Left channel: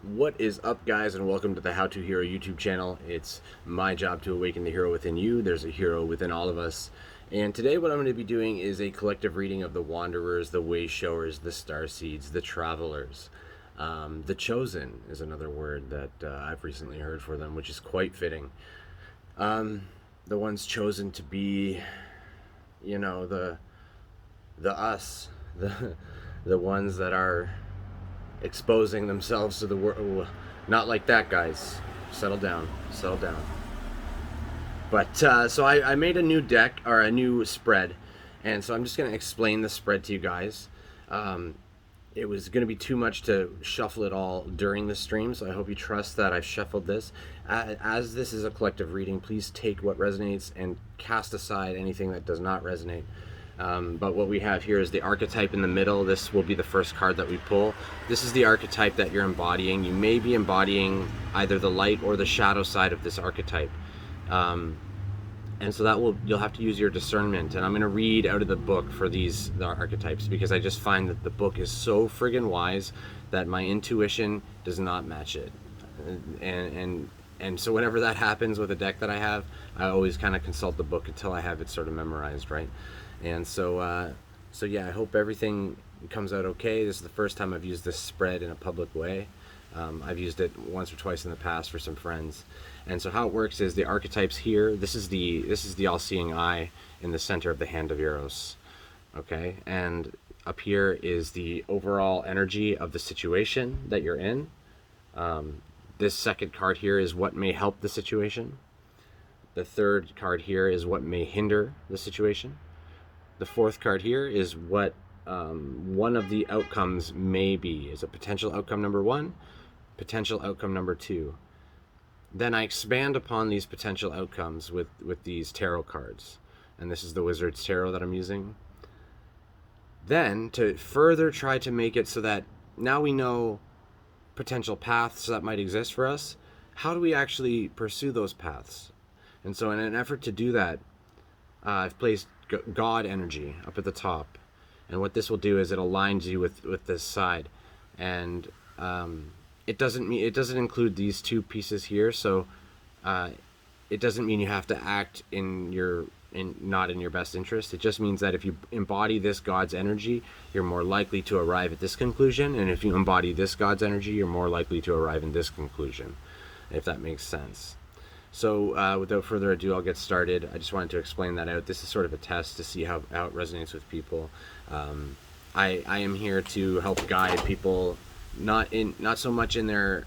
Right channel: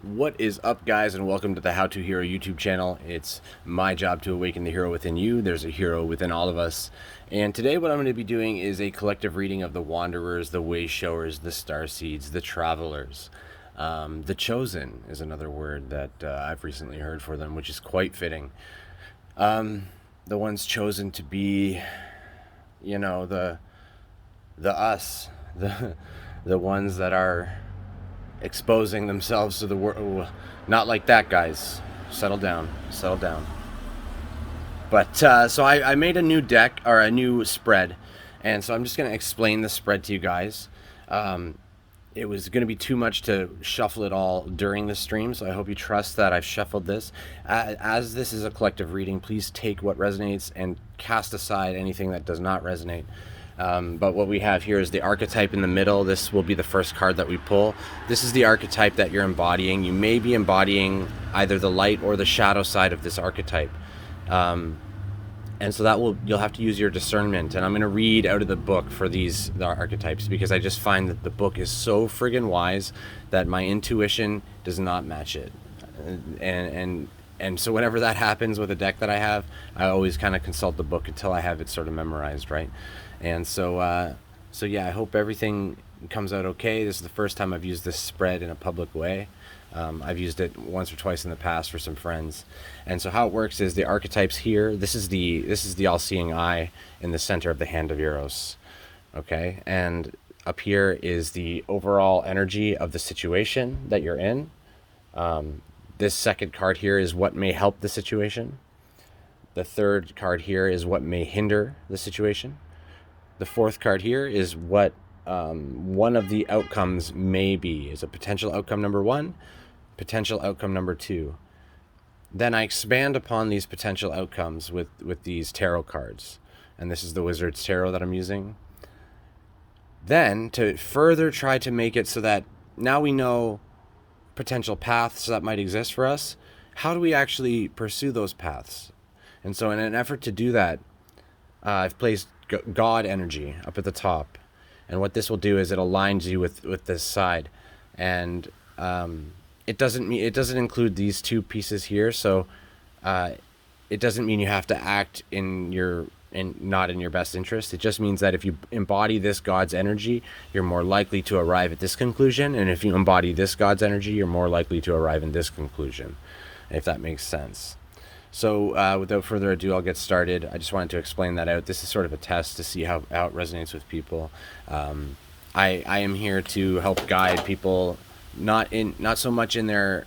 What is up, guys, and welcome to the How to Hero YouTube channel. It's my job to awaken the hero within you. There's a hero within all of us. And today what I'm going to be doing is a collective reading of the Wanderers, the Wayshowers, the Starseeds, the Travelers. The Chosen is another word that I've recently heard for them, which is quite fitting. The ones chosen to be, the us, the ones that are exposing themselves to the world. Not like that, guys. Settle down. Settle down. But so I made a new deck, or a new spread, and so I'm just going to explain the spread to you guys. It was going to be too much to shuffle it all during the stream, so I hope you trust that I've shuffled this. As this is a collective reading, please take what resonates and cast aside anything that does not resonate. But what we have here is the archetype in the middle. This will be the first card that we pull. This is the archetype that you're embodying. You may be embodying either the light or the shadow side of this archetype. And so you'll have to use your discernment. And I'm going to read out of the book for the archetypes, because I just find that the book is so friggin' wise that my intuition does not match it. And so whenever that happens with a deck that I have, I always kind of consult the book until I have it sort of memorized, right? And so yeah, I hope everything comes out okay. This is the first time I've used this spread in a public way. I've used it once or twice in the past for some friends. And so how it works is the archetypes here. This is the all-seeing eye in the center of the hand of Eros. Okay, and up here is the overall energy of the situation that you're in. This second card here is what may help the situation. The third card here is what may hinder the situation. The fourth card here is what one of the outcomes may be. Is a potential outcome number one, potential outcome number two. Then I expand upon these potential outcomes with these tarot cards. And this is the Wizard's Tarot that I'm using. Then, to further try to make it so that now we know potential paths that might exist for us, how do we actually pursue those paths? And so in an effort to do that, I've placed God energy up at the top, and what this will do is it aligns you with this side, and it doesn't include these two pieces here. So it doesn't mean you have to act not in your best interest. It just means that if you embody this God's energy, you're more likely to arrive at this conclusion, and if you embody this God's energy, you're more likely to arrive in this conclusion, if that makes sense. So without further ado, I'll get started. I just wanted to explain that out. This is sort of a test to see how it resonates with people. I am here to help guide people, not so much in their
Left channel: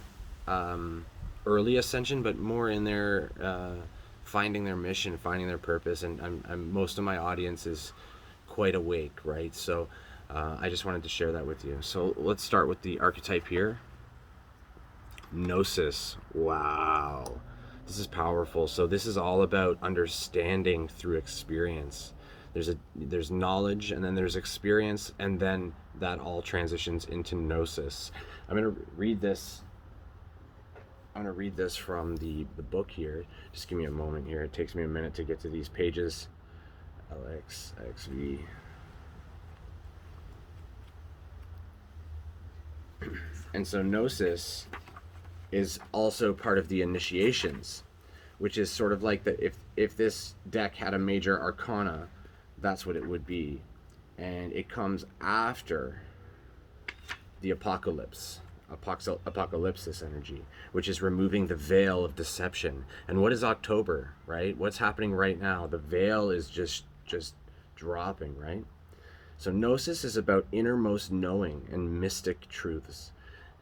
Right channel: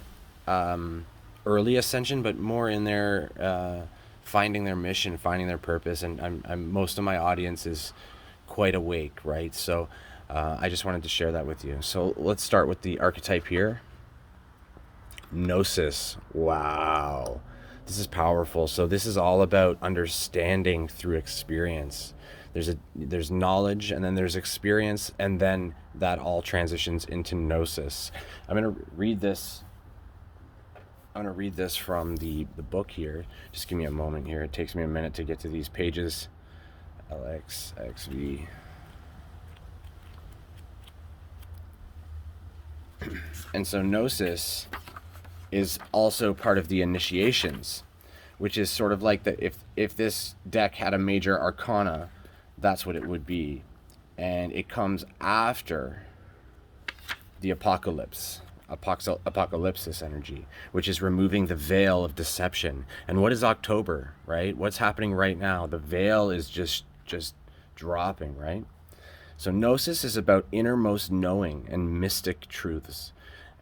early ascension, but more in their finding their mission, finding their purpose. And most of my audience is quite awake, right? So I just wanted to share that with you. So let's start with the archetype here. Gnosis. Wow. This is powerful. So this is all about understanding through experience. There's knowledge, and then there's experience, and then that all transitions into Gnosis. I'm going to read this from the book here. Just give me a moment here. It takes me a minute to get to these pages. LXXV. And so Gnosis is also part of the initiations, which is sort of like if this deck had a major arcana, that's what it would be. And it comes after the apocalypsis energy, which is removing the veil of deception. And what is October, right? What's happening right now? The veil is just dropping, right? So Gnosis is about innermost knowing and mystic truths.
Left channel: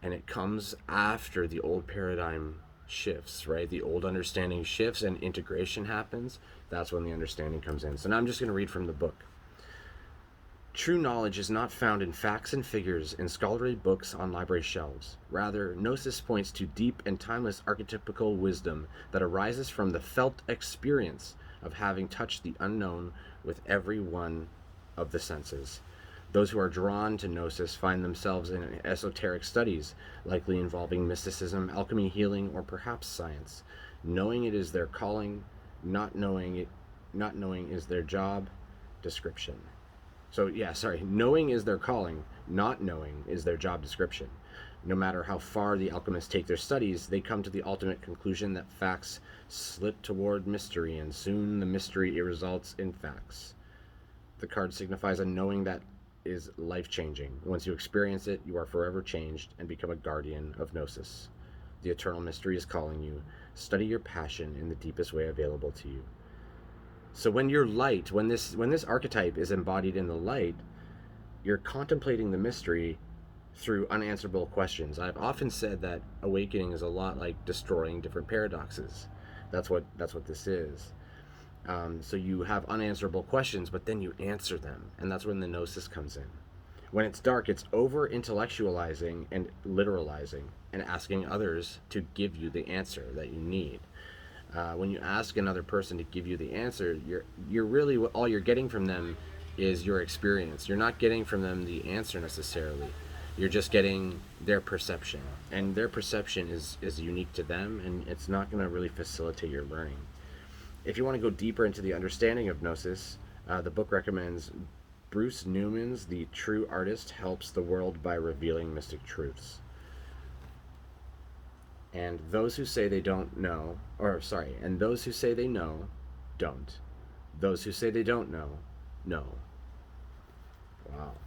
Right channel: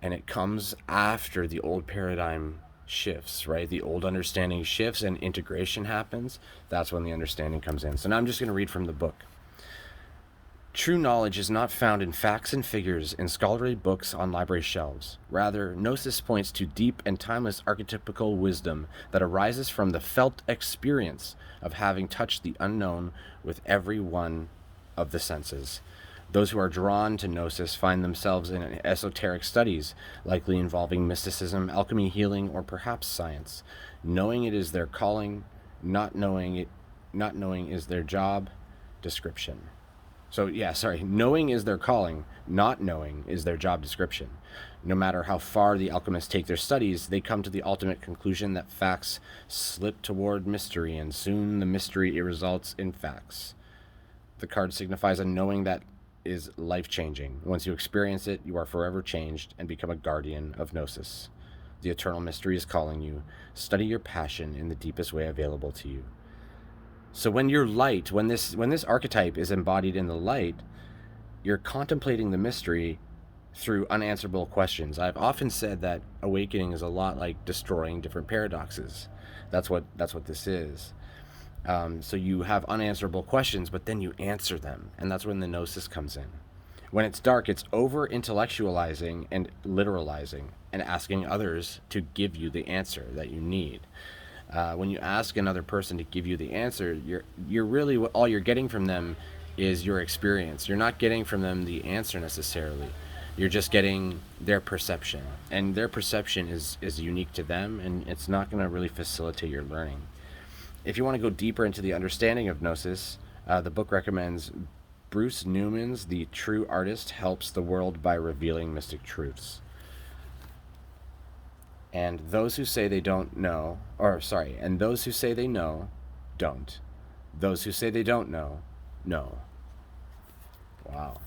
And it comes after the old paradigm shifts, right? The old understanding shifts and integration happens. That's when the understanding comes in. So now I'm just going to read from the book. True knowledge is not found in facts and figures in scholarly books on library shelves. Rather, Gnosis points to deep and timeless archetypical wisdom that arises from the felt experience of having touched the unknown with every one of the senses. Those who are drawn to Gnosis find themselves in esoteric studies, likely involving mysticism, alchemy, healing, or perhaps science. Knowing it is their calling, not knowing is their job description. So yeah, sorry, knowing is their calling, not knowing is their job description. No matter how far the alchemists take their studies, they come to the ultimate conclusion that facts slip toward mystery, and soon the mystery results in facts. The card signifies a knowing that is life-changing. Once you experience it, you are forever changed and become a guardian of Gnosis. The eternal mystery is calling you. Study your passion in the deepest way available to you. So when you're light, when this archetype is embodied in the light, you're contemplating the mystery through unanswerable questions. I've often said that awakening is a lot like destroying different paradoxes. That's what this is. So you have unanswerable questions, but then you answer them, and that's when the Gnosis comes in. When it's dark, it's over-intellectualizing and literalizing and asking others to give you the answer that you need. When you ask another person to give you the answer, you're really, all you're getting from them is your experience. You're not getting from them the answer necessarily. You're just getting their perception, and their perception is unique to them, and it's not going to really facilitate your learning. If you want to go deeper into the understanding of Gnosis, the book recommends Bruce Newman's The True Artist Helps the World by Revealing Mystic Truths. And those who say they don't know, and those who say they know, don't. Those who say they don't know, know. Wow.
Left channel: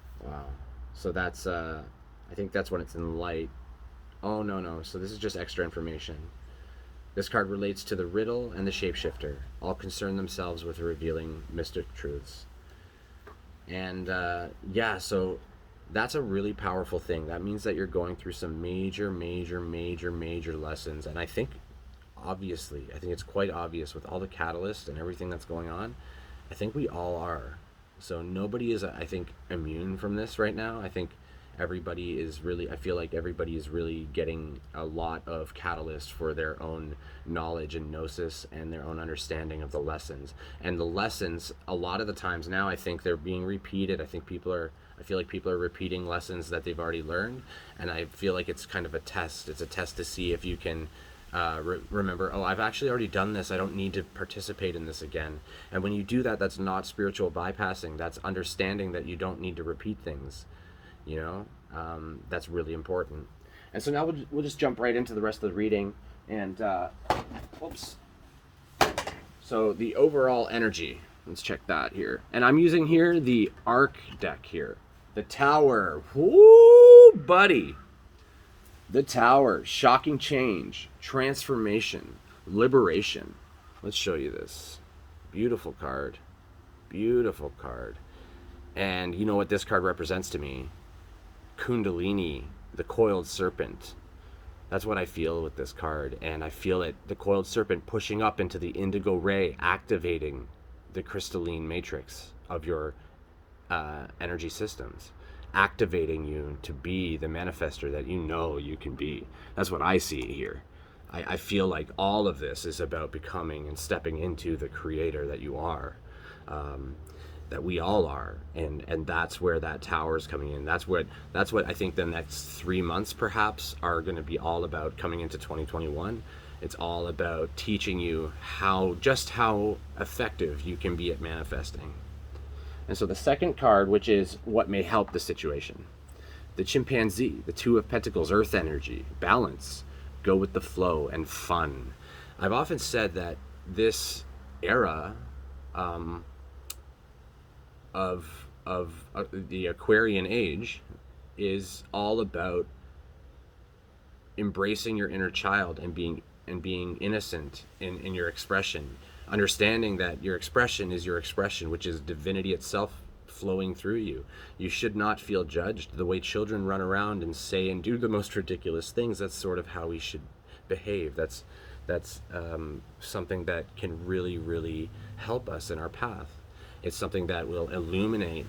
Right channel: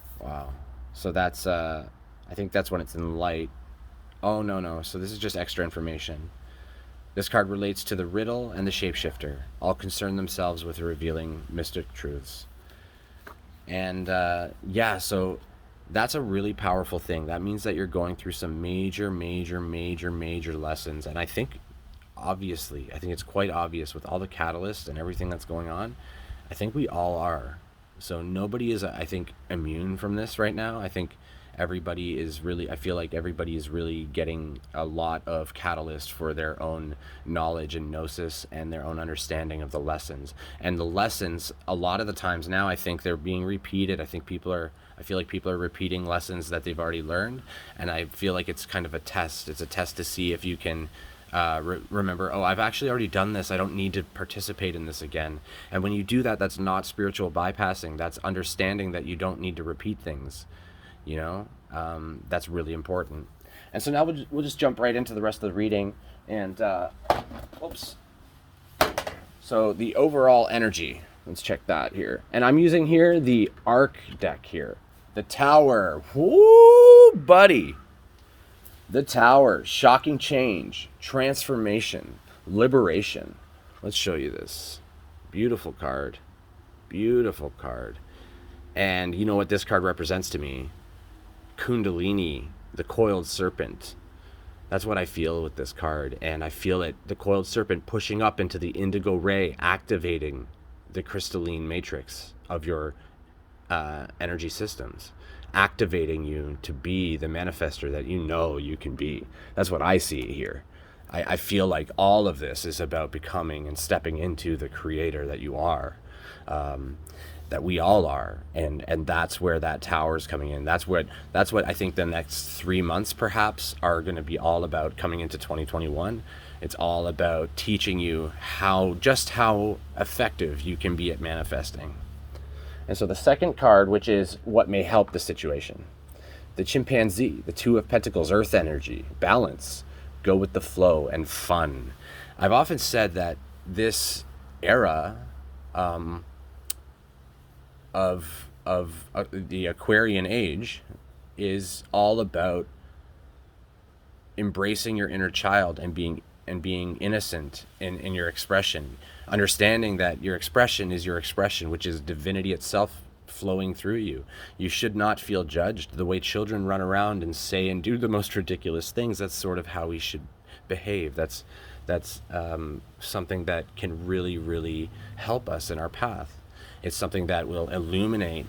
So that's, I think that's when it's in light. Oh, no. So this is just extra information. This card relates to the riddle and the shapeshifter. All concern themselves with revealing mystic truths. And so that's a really powerful thing. That means that you're going through some major lessons. And I think it's quite obvious with all the catalysts and everything that's going on. I think we all are. So nobody is, I think, immune from this right now. I think I feel like everybody is really getting a lot of catalyst for their own knowledge and gnosis and their own understanding of the lessons. And the lessons, a lot of the times now, I think they're being repeated. I feel like people are repeating lessons that they've already learned. And I feel like it's kind of a test. It's a test to see if you can remember, I've actually already done this. I don't need to participate in this again. And when you do that, that's not spiritual bypassing. That's understanding that you don't need to repeat things. That's really important. And so now we'll just jump right into the rest of the reading. And so the overall energy, let's check that here. And I'm using here the Arc deck here. The Tower. Woo, buddy. The Tower. Shocking change, transformation, liberation. Let's show you this. Beautiful card. And you know what this card represents to me? Kundalini, the coiled serpent. That's what I feel with this card. And I feel it, the coiled serpent, pushing up into the indigo ray, activating the crystalline matrix of your energy systems, activating you to be the manifester that you know you can be. That's what I see here. I feel like all of this is about becoming and stepping into the creator that you are. That we all are, and that's where that tower is coming in. That's what I think the next 3 months perhaps are going to be all about coming into 2021. It's all about teaching you how effective you can be at manifesting. And so the second card, which is what may help the situation, the chimpanzee, the Two of Pentacles, earth energy, balance, go with the flow, and fun. I've often said that this era of the Aquarian age is all about embracing your inner child and being innocent in your expression, understanding that your expression is your expression, which is divinity itself flowing through you. You should not feel judged. The way children run around and say and do the most ridiculous things, that's sort of how we should behave. That's something that can really help us in our path. It's something that will illuminate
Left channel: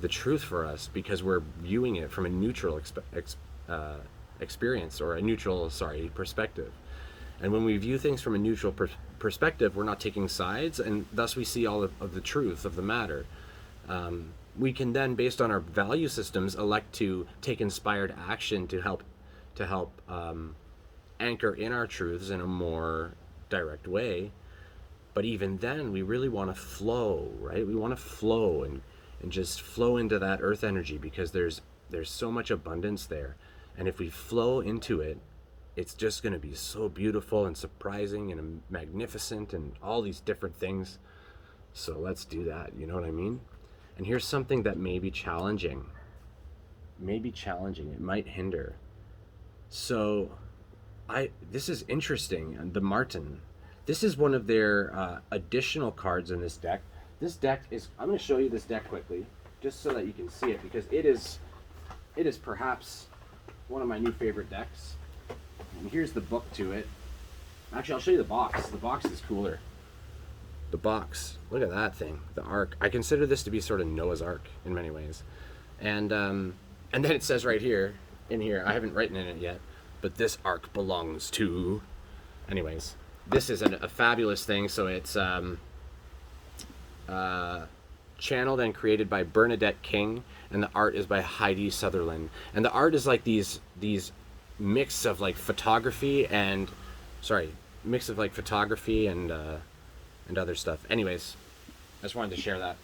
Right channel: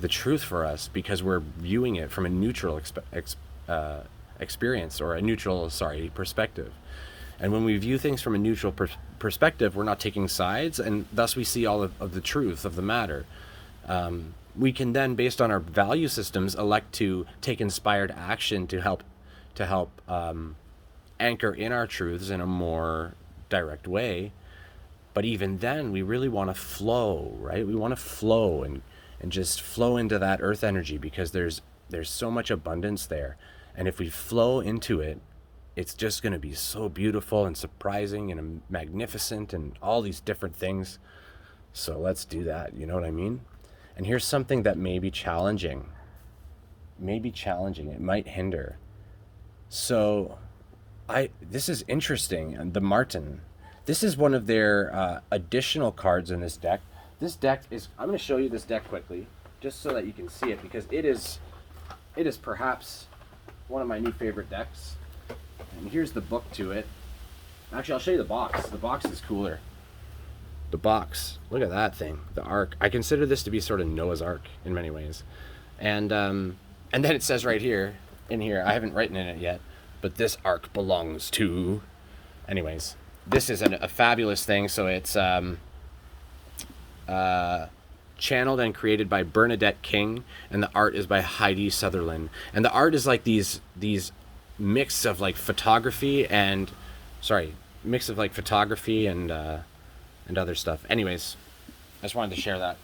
the truth for us because we're viewing it from a neutral experience, or a neutral, perspective. And when we view things from a neutral perspective, we're not taking sides, and thus we see all of the truth of the matter. We can then, based on our value systems, elect to take inspired action to help anchor in our truths in a more direct way. But even then, we really want to flow, right? We want to flow and just flow into that earth energy because there's so much abundance there. And if we flow into it, it's just going to be so beautiful and surprising and magnificent and all these different things. So let's do that. You know what I mean? And here's something that may be challenging. It might hinder. So this is interesting. And the Martin, this is one of their additional cards in this deck. This deck is, I'm going to show you this deck quickly, just so that you can see it, because it is perhaps one of my new favorite decks. And here's the book to it. Actually, I'll show you the box. The box is cooler. The box. Look at that thing. The Ark. I consider this to be sort of Noah's Ark in many ways. And then it says right here, in here, I haven't written in it yet, but this Ark belongs to... Anyways, this is a fabulous thing. So it's channeled and created by Bernadette King, and the art is by Heidi Sutherland. And the art is like these mix of like photography and and other stuff. Anyways, I just wanted to share that.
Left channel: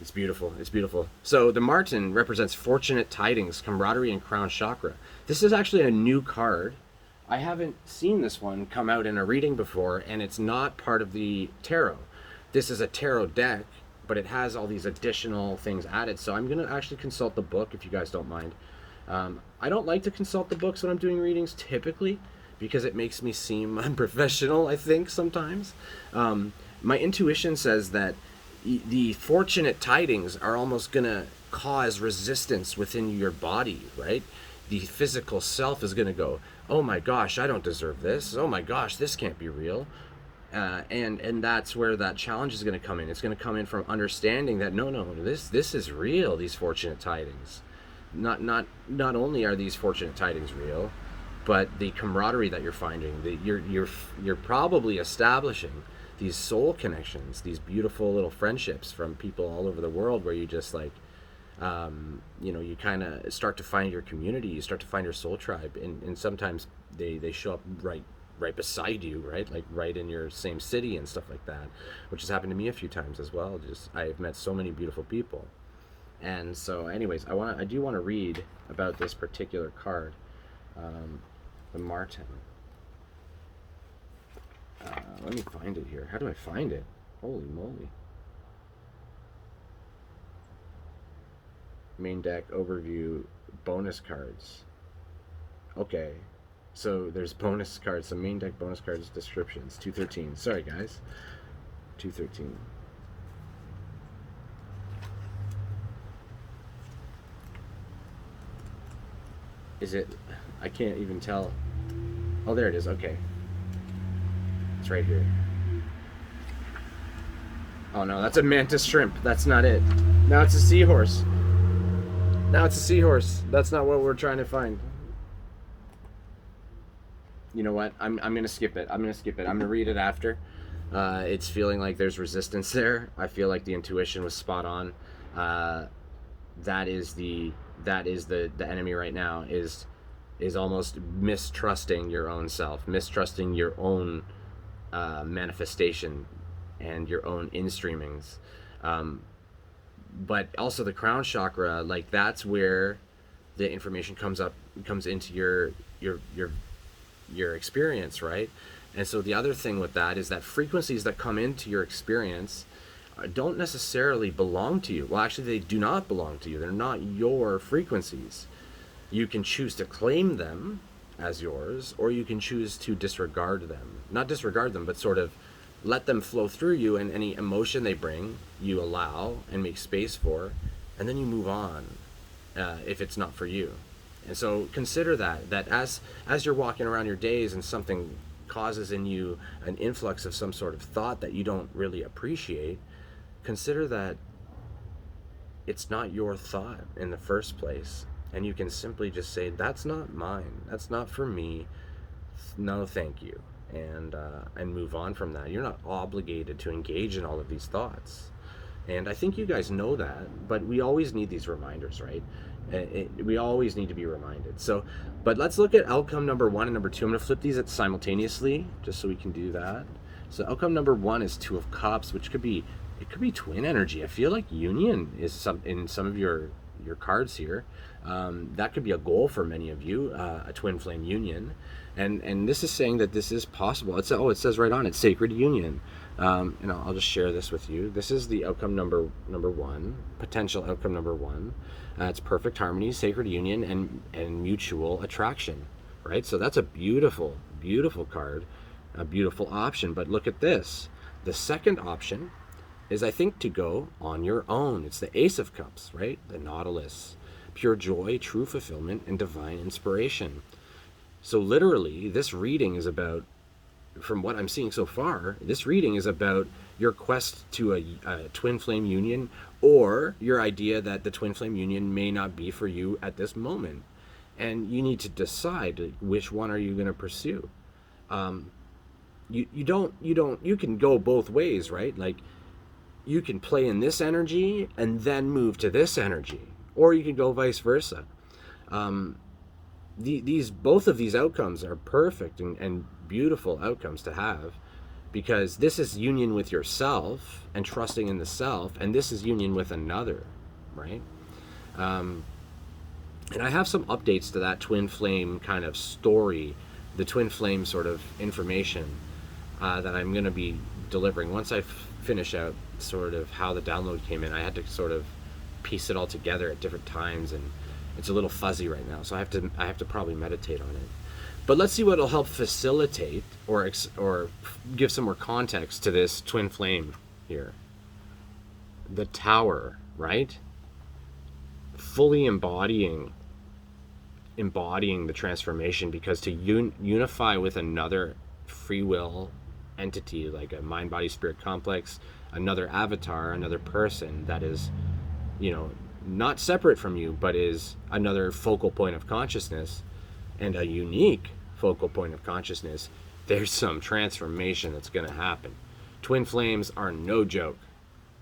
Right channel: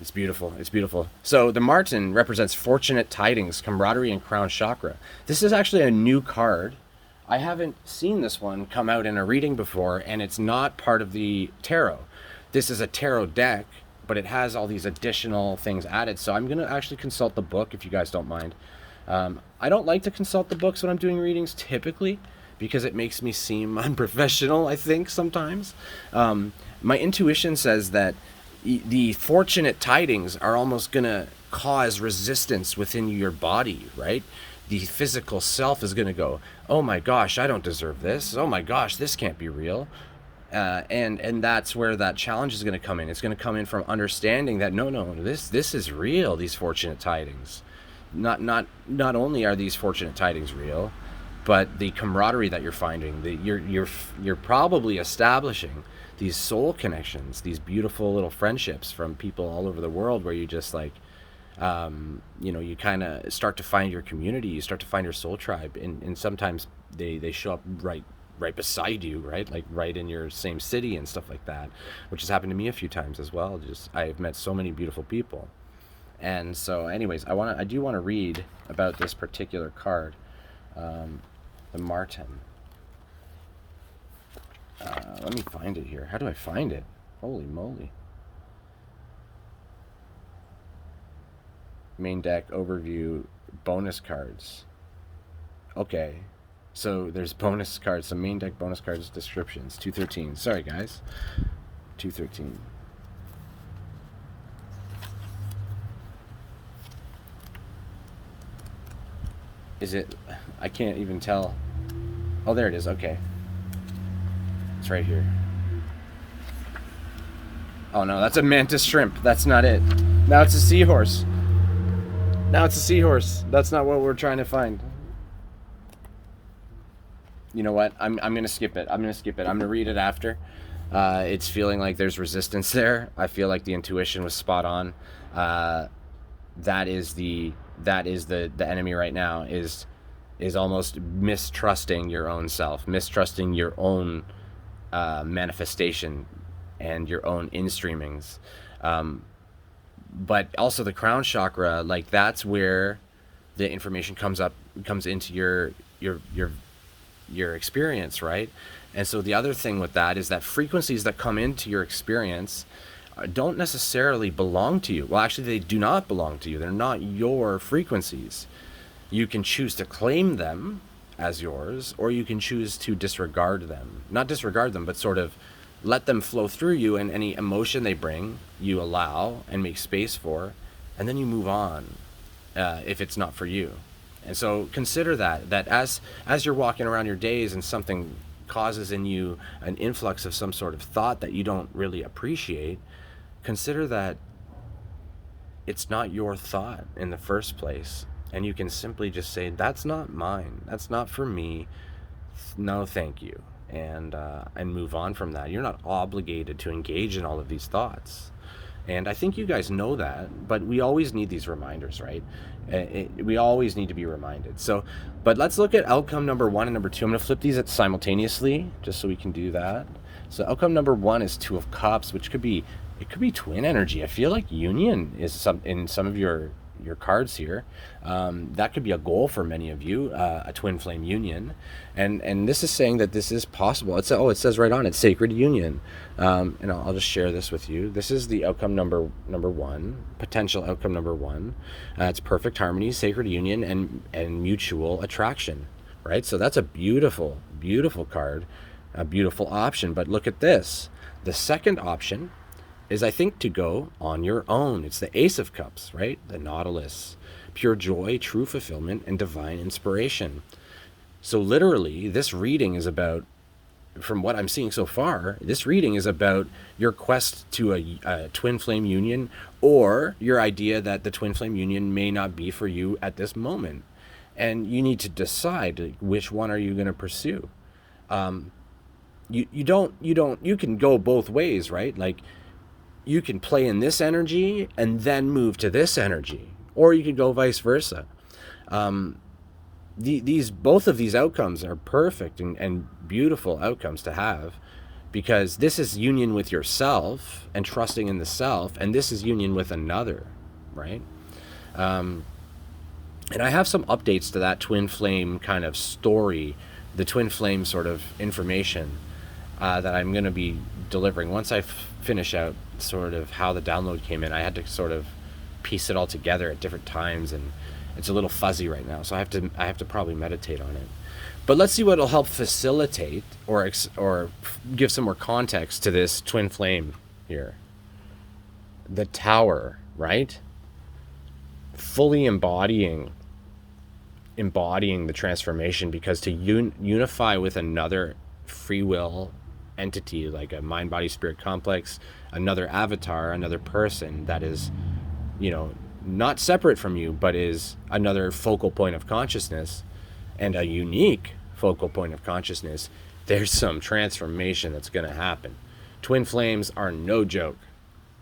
It's beautiful. It's beautiful. So the Martin represents fortunate tidings, camaraderie, and crown chakra. This is actually a new card. I haven't seen this one come out in a reading before, and it's not part of the tarot. This is a tarot deck, but it has all these additional things added. So I'm going to actually consult the book if you guys don't mind. I don't like to consult the books when I'm doing readings typically, because it makes me seem unprofessional, I think, sometimes. My intuition says that the fortunate tidings are almost going to cause resistance within your body, right? The physical self is going to go, oh my gosh, I don't deserve this. Oh my gosh, this can't be real. And that's where that challenge is going to come in. It's going to come in from understanding that no, this is real, these fortunate tidings. Not only are these fortunate tidings real, but the camaraderie that you're finding, you're probably establishing these soul connections, these beautiful little friendships from people all over the world, where you just like, you kind of start to find your community, you start to find your soul tribe, and sometimes they show up right beside you, right? Like right in your same city and stuff like that, which has happened to me a few times as well. I've met so many beautiful people. And so anyways, I do want to read about this particular card, the Martin. Let me find it here. How do I find it? Holy moly. Main deck overview, bonus cards. Okay. So there's bonus cards, some main deck bonus cards, descriptions. 213. Sorry guys. 213. Is it? I can't even tell. Oh, there it is. Okay. It's right here. Oh no, that's a mantis shrimp. That's not it. Now it's a seahorse. That's not what we're trying to find. You know what? I'm gonna skip it. I'm gonna read it after. It's feeling like there's resistance there. I feel like the intuition was spot on. That is the enemy right now, is almost mistrusting your own self, mistrusting your own manifestation and your own in-streamings. But also the crown chakra, like that's where the information comes into your experience, right? And so the other thing with that is that frequencies that come into your experience don't necessarily belong to you. Well, actually, they do not belong to you. They're not your frequencies. You can choose to claim them as yours, or you can choose to disregard them. Not disregard them, but sort of let them flow through you, and any emotion they bring, you allow and make space for, and then you move on if it's not for you. And so consider that as you're walking around your days and something causes in you an influx of some sort of thought that you don't really appreciate, consider that it's not your thought in the first place. And you can simply just say, that's not mine. That's not for me. No, thank you. And move on from that. You're not obligated to engage in all of these thoughts. And I think you guys know that, but we always need these reminders, right? We always need to be reminded. So, but let's look at outcome number 1 and number 2. I'm going to flip these simultaneously, just so we can do that. So outcome number 1 is 2 of Cups, which could be twin energy. I feel like union is in some of your your cards here. That could be a goal for many of you, a twin flame union, and this is saying that this is possible. It says right on it, sacred union, and I'll just share this with you. This is the outcome number one, potential outcome number one. It's perfect harmony, sacred union, and mutual attraction, right? So that's a beautiful, beautiful card, a beautiful option. But look at this. The second option is, I think, to go on your own. It's the Ace of Cups, right? The Nautilus. Pure joy, true fulfillment, and divine inspiration. So literally, this reading is about, from what I'm seeing so far, this reading is about your quest to a twin flame union, or your idea that the twin flame union may not be for you at this moment. And you need to decide, like, which one are you going to pursue. You can go both ways, right? Like, you can play in this energy and then move to this energy, or you can go vice versa. Both of these outcomes are perfect and beautiful outcomes to have, because this is union with yourself and trusting in the self, and this is union with another, right? And I have some updates to that twin flame kind of story, the twin flame sort of information that I'm going to be delivering once I finish out sort of how the download came in. I had to sort of piece it all together at different times, and it's a little fuzzy right now, so I have to probably meditate on it. But let's see what will help facilitate or give some more context to this twin flame here. The Tower, right? Fully embodying the transformation, because to unify with another free will entity, like a mind body spirit complex, another avatar, another person that is, not separate from you, but is another focal point of consciousness, and a unique focal point of consciousness, there's some transformation that's going to happen. Twin flames are no joke.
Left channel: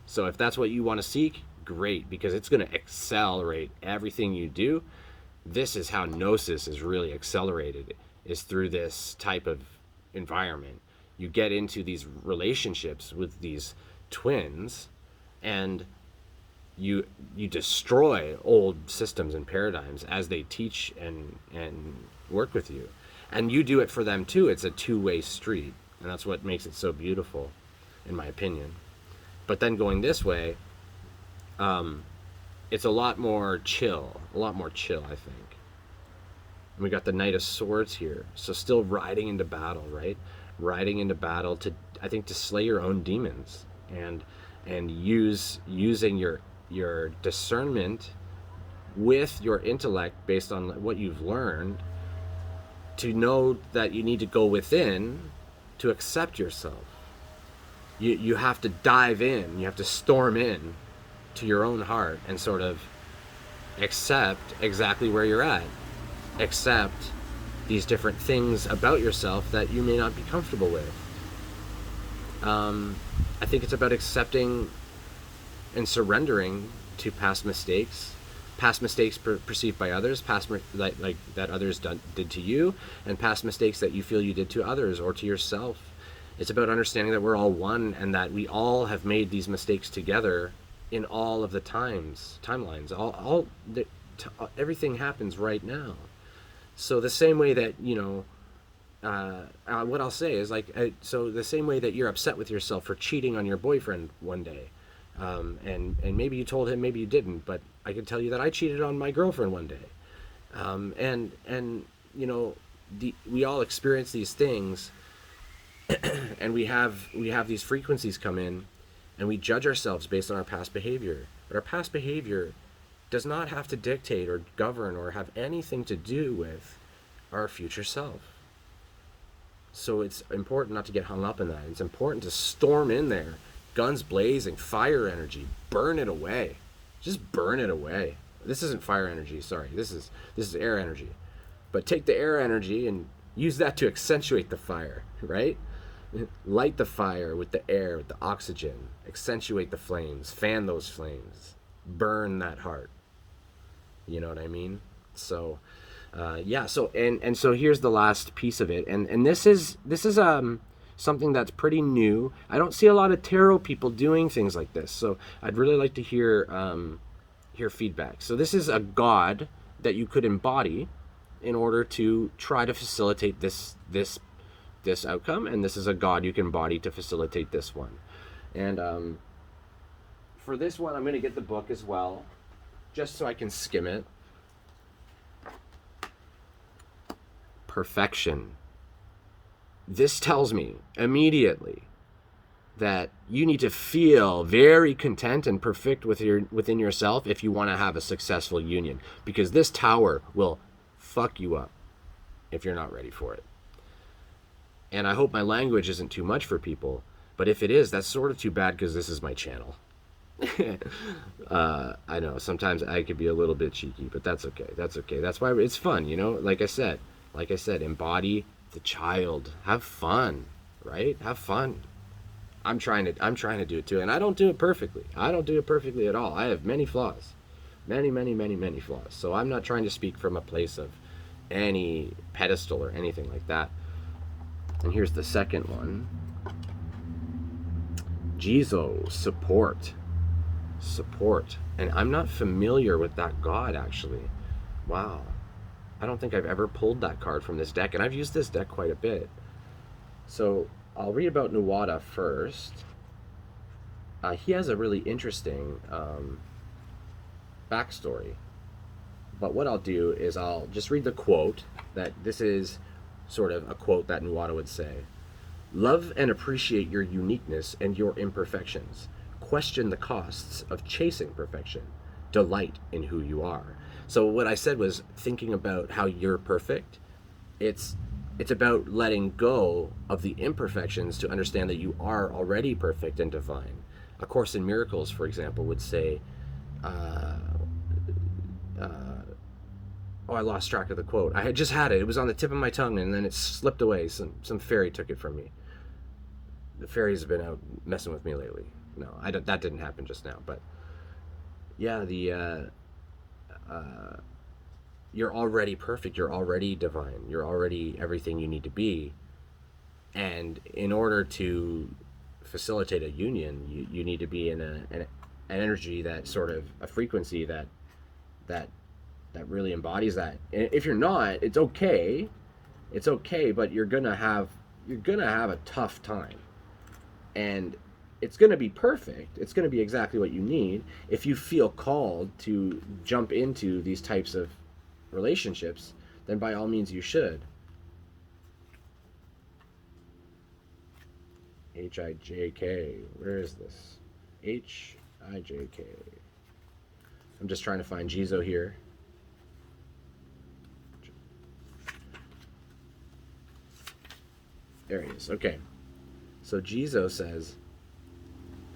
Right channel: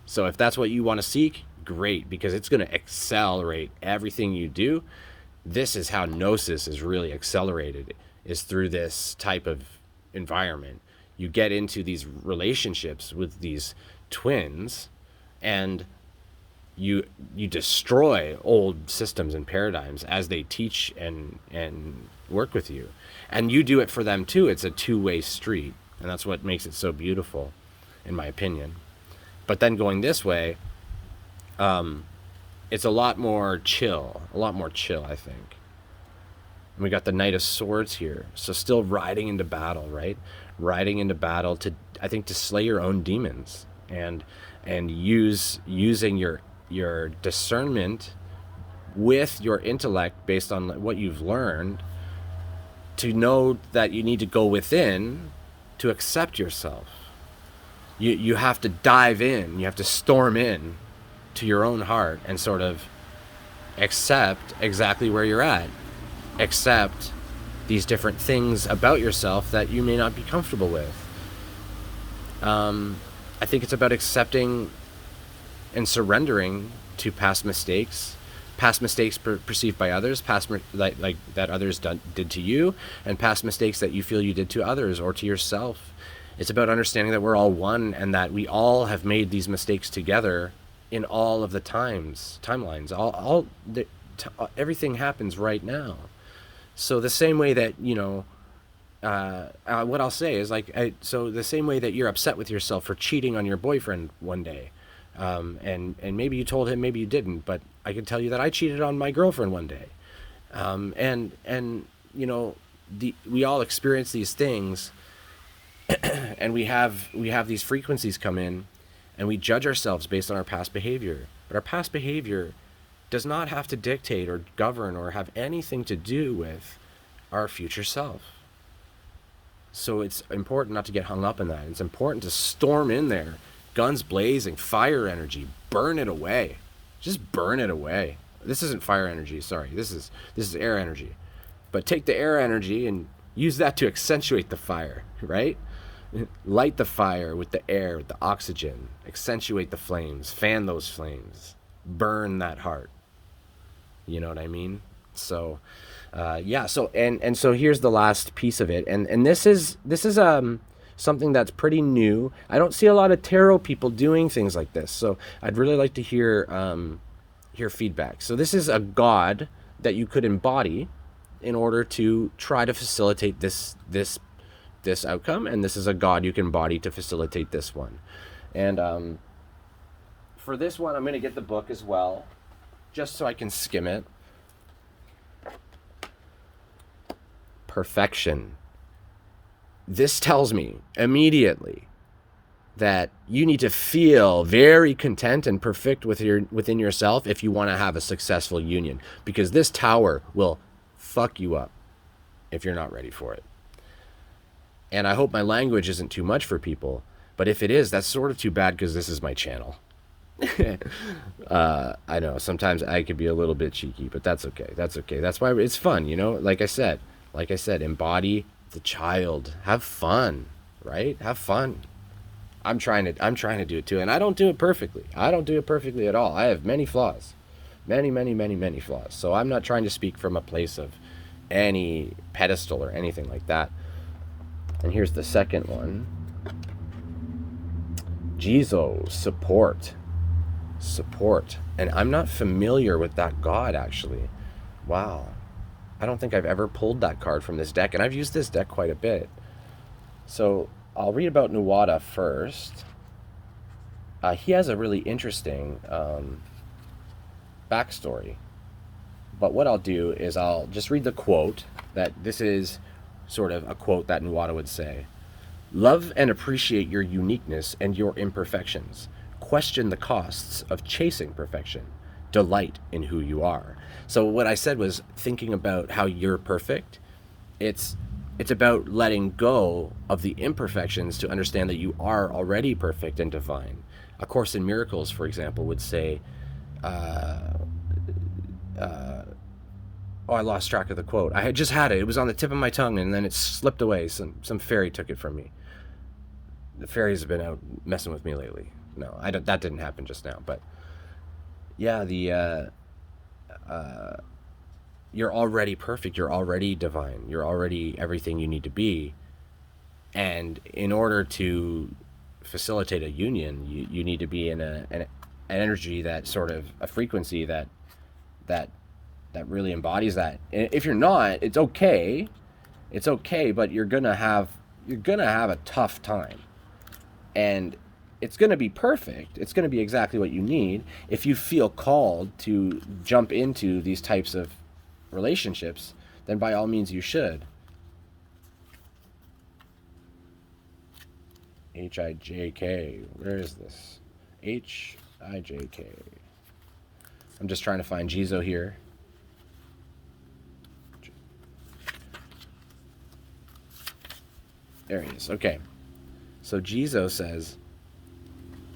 So if that's what you want to seek, great, because it's going to accelerate everything you do. This is how Gnosis is really accelerated, is through this type of environment. You get into these relationships with these twins, and you destroy old systems and paradigms as they teach and work with you, and you do it for them too. It's a two-way street, and that's what makes it so beautiful, in my opinion. But then going this way, it's a lot more chill, I think. And we got the Knight of Swords here, so still riding into battle, right? Riding into battle to slay your own demons, and using your discernment with your intellect based on what you've learned, to know that you need to go within to accept yourself. You have to dive in, you have to storm in to your own heart and sort of accept exactly where you're at, accept these different things about yourself that you may not be comfortable with. I think it's about accepting and surrendering to past mistakes perceived by others, like that others did to you, and past mistakes that you feel you did to others or to yourself. It's about understanding that we're all one, and that we all have made these mistakes together in all of the timelines. Everything happens right now. So the same way that, what I'll say is, so the same way that you're upset with yourself for cheating on your boyfriend one day, and maybe you told him, maybe you didn't, but I can tell you that I cheated on my girlfriend one day, we all experience these things, and we have these frequencies come in, and we judge ourselves based on our past behavior. But our past behavior does not have to dictate or govern or have anything to do with our future self. So it's important not to get hung up in that. It's important to storm in there, guns blazing, fire energy, burn it away. Just burn it away. This isn't fire energy, sorry. This is air energy. But take the air energy and use that to accentuate the fire, right? Light the fire with the air, with the oxygen. Accentuate the flames. Fan those flames. Burn that heart. You know what I mean? So, So so here's the last piece of it, and this is something that's pretty new. I don't see a lot of tarot people doing things like this, so I'd really like to hear hear feedback. So this is a god that you could embody in order to try to facilitate this outcome, and this is a god you can embody to facilitate this one. And for this one, I'm going to get the book as well, just so I can skim it. Perfection. This tells me immediately that you need to feel very content and perfect within yourself if you want to have a successful union, because this tower will fuck you up if you're not ready for it. And I hope my language isn't too much for people, but if it is, that's sort of too bad, because this is my channel. I know sometimes I could be a little bit cheeky, but that's okay. That's okay. That's why it's fun, you know. Like I said, embody the child. Have fun, right? Have fun. I'm trying to do it too, and I don't do it perfectly. I don't do it perfectly at all. I have many flaws, many flaws. So I'm not trying to speak from a place of any pedestal or anything like that. And here's the second one. Jizo, support. And I'm not familiar with that god, actually. Wow. I don't think I've ever pulled that card from this deck, and I've used this deck quite a bit. So I'll read about Nuada first. He has a really interesting backstory. But what I'll do is I'll just read the quote. That this is sort of a quote that Nuada would say. Love and appreciate your uniqueness and your imperfections. Question the costs of chasing perfection. Delight in who you are. So what I said was thinking about how you're perfect. It's about letting go of the imperfections to understand that you are already perfect and divine. A Course in Miracles, for example, would say, oh, I lost track of the quote. I had just had it. It was on the tip of my tongue, and then it slipped away. Some fairy took it from me. The fairies have been out messing with me lately. No, that didn't happen just now. But yeah, you're already perfect. You're already divine. You're already everything you need to be. And in order to facilitate a union, you need to be in an energy, that sort of a frequency that really embodies that. And if you're not, it's okay, but you're gonna have a tough time, and it's gonna be perfect. It's gonna be exactly what you need. If you feel called to jump into these types of relationships, then by all means you should. H-I-J-K. Where is this? H-I-J-K. I'm just trying to find Jizo here. There he is. Okay. So Jizo says,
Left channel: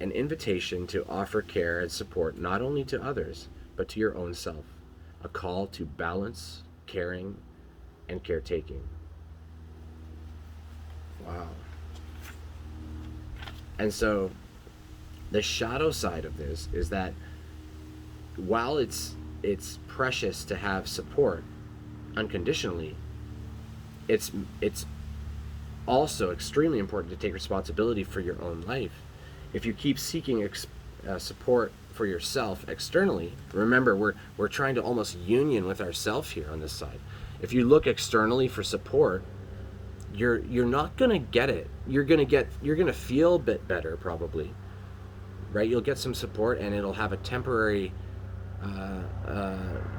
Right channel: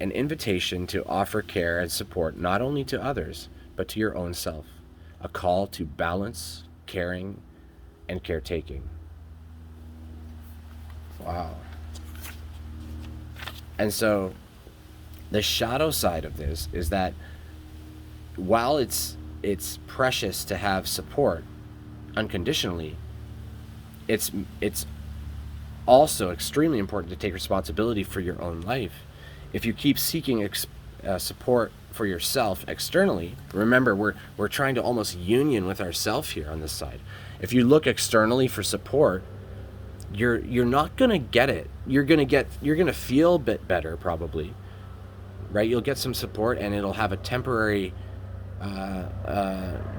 an invitation to offer care and support not only to others, but to your own self. A call to balance, caring, and caretaking. Wow. And so the shadow side of this is that while it's precious to have support unconditionally, it's also extremely important to take responsibility for your own life. If you keep seeking support for yourself externally, remember we're trying to almost union with ourselves here on this side. If you look externally for support, you're not gonna get it. You're gonna feel a bit better probably, right? You'll get some support and it'll have a temporary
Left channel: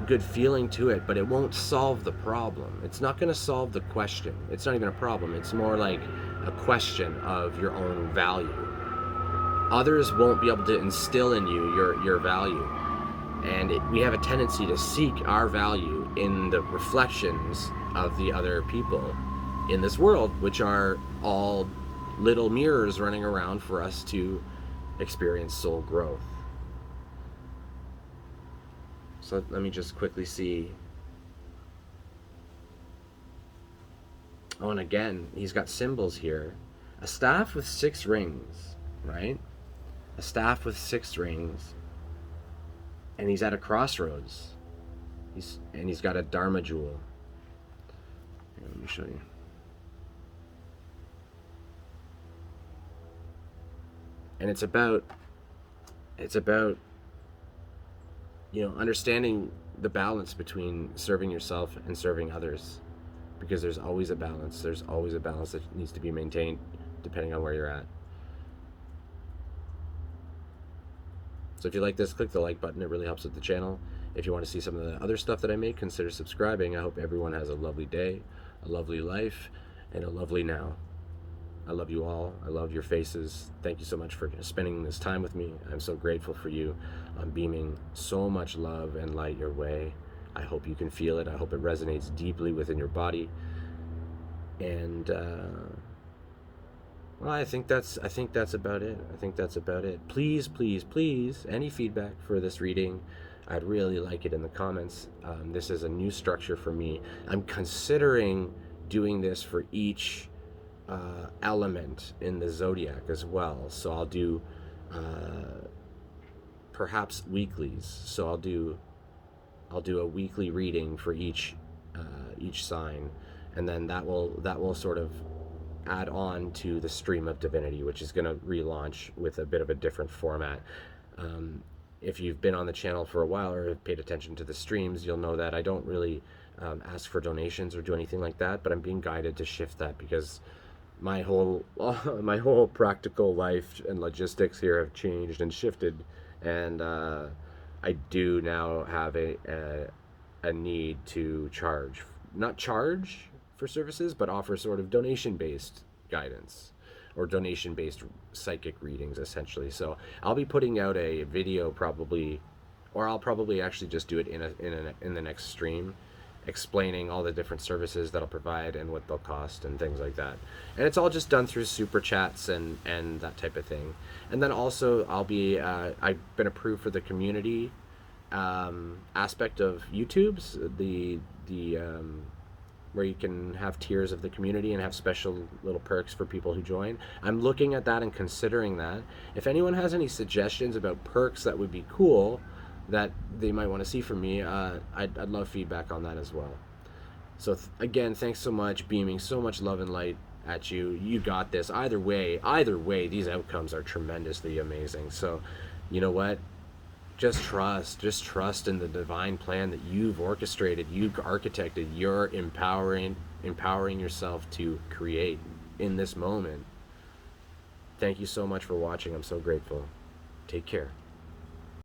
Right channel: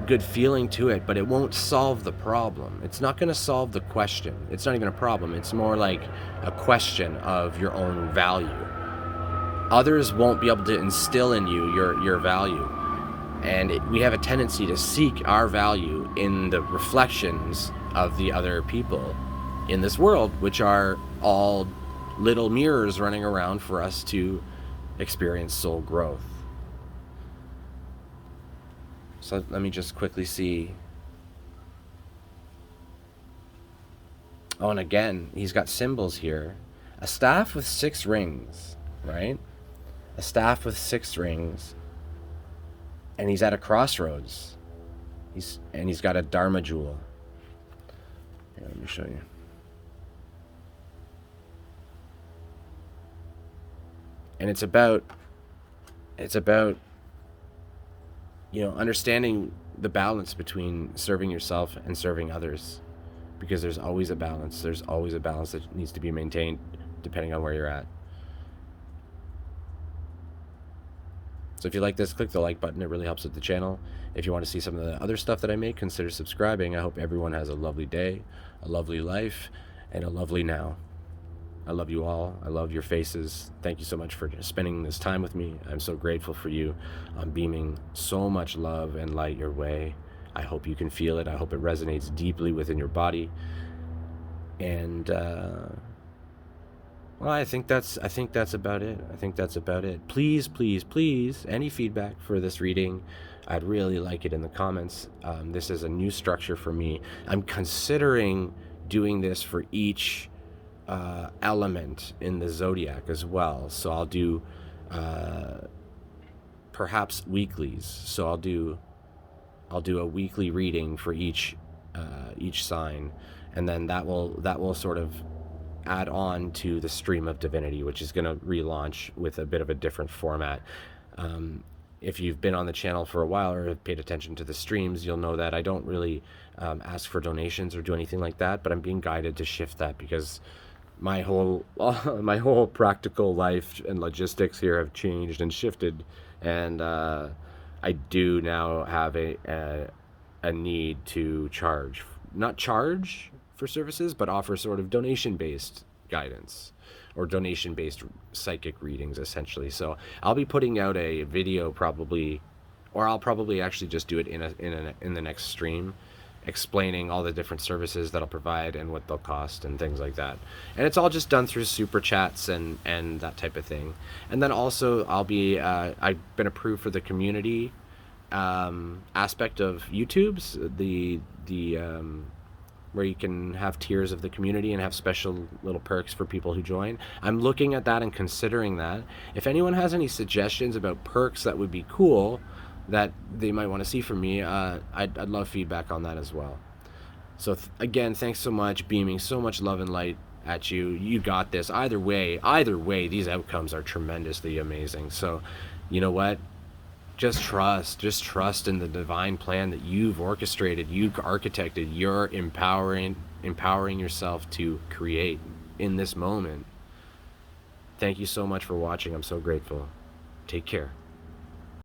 good feeling to it, but it won't solve the problem. It's not going to solve the question. It's not even a problem. It's more like a question of your own value. Others won't be able to instill in you your value, and we have a tendency to seek our value in the reflections of the other people in this world, which are all little mirrors running around for us to experience soul growth. So let me just quickly see. Oh, and again, he's got symbols here. A staff with 6 rings, right? A staff with 6 rings. And he's at a crossroads. He's got a Dharma jewel. Let me show you. And it's about understanding the balance between serving yourself and serving others, because there's always a balance. There's always a balance that needs to be maintained depending on where you're at. So if you like this, click the like button. It really helps with the channel. If you want to see some of the other stuff that I make, consider subscribing. I hope everyone has a lovely day, a lovely life, and a lovely now. I love you all. I love your faces. Thank you so much for spending this time with me. I'm so grateful for you. I'm beaming so much love and light your way. I hope you can feel it. I hope it resonates deeply within your body. And well, I think that's about it. I think that's about it. Please, please, please, any feedback for this reading, I'd really like it in the comments. This is a new structure for me. I'm considering doing this for each element in the zodiac as well. So I'll do perhaps weeklies. So I'll do a weekly reading for each sign, and then that will sort of add on to the stream of divinity, which is going to relaunch with a bit of a different format. If you've been on the channel for a while or have paid attention to the streams, you'll know that I don't really ask for donations or do anything like that, but I'm being guided to shift that because my whole practical life and logistics here have changed and shifted, and I do now have a need to not charge for services, but offer sort of donation-based guidance or donation-based psychic readings, essentially. So I'll be putting out a video probably, or I'll probably actually just do it in the next stream, explaining all the different services that I'll provide and what they'll cost and things like that. And it's all just done through super chats and that type of thing. And then also I've been approved for the community aspect of YouTube's the where you can have tiers of the community and have special little perks for people who join. I'm looking at that and considering that. If anyone has any suggestions about perks that would be cool that they might want to see from me, I'd love feedback on that as well. So again, thanks so much, beaming so much love and light at you. You got this. Either way, these outcomes are tremendously amazing. So you know what? Just trust in the divine plan that you've orchestrated, you've architected. You're empowering yourself to create in this moment. Thank you so much for watching. I'm so grateful. Take care.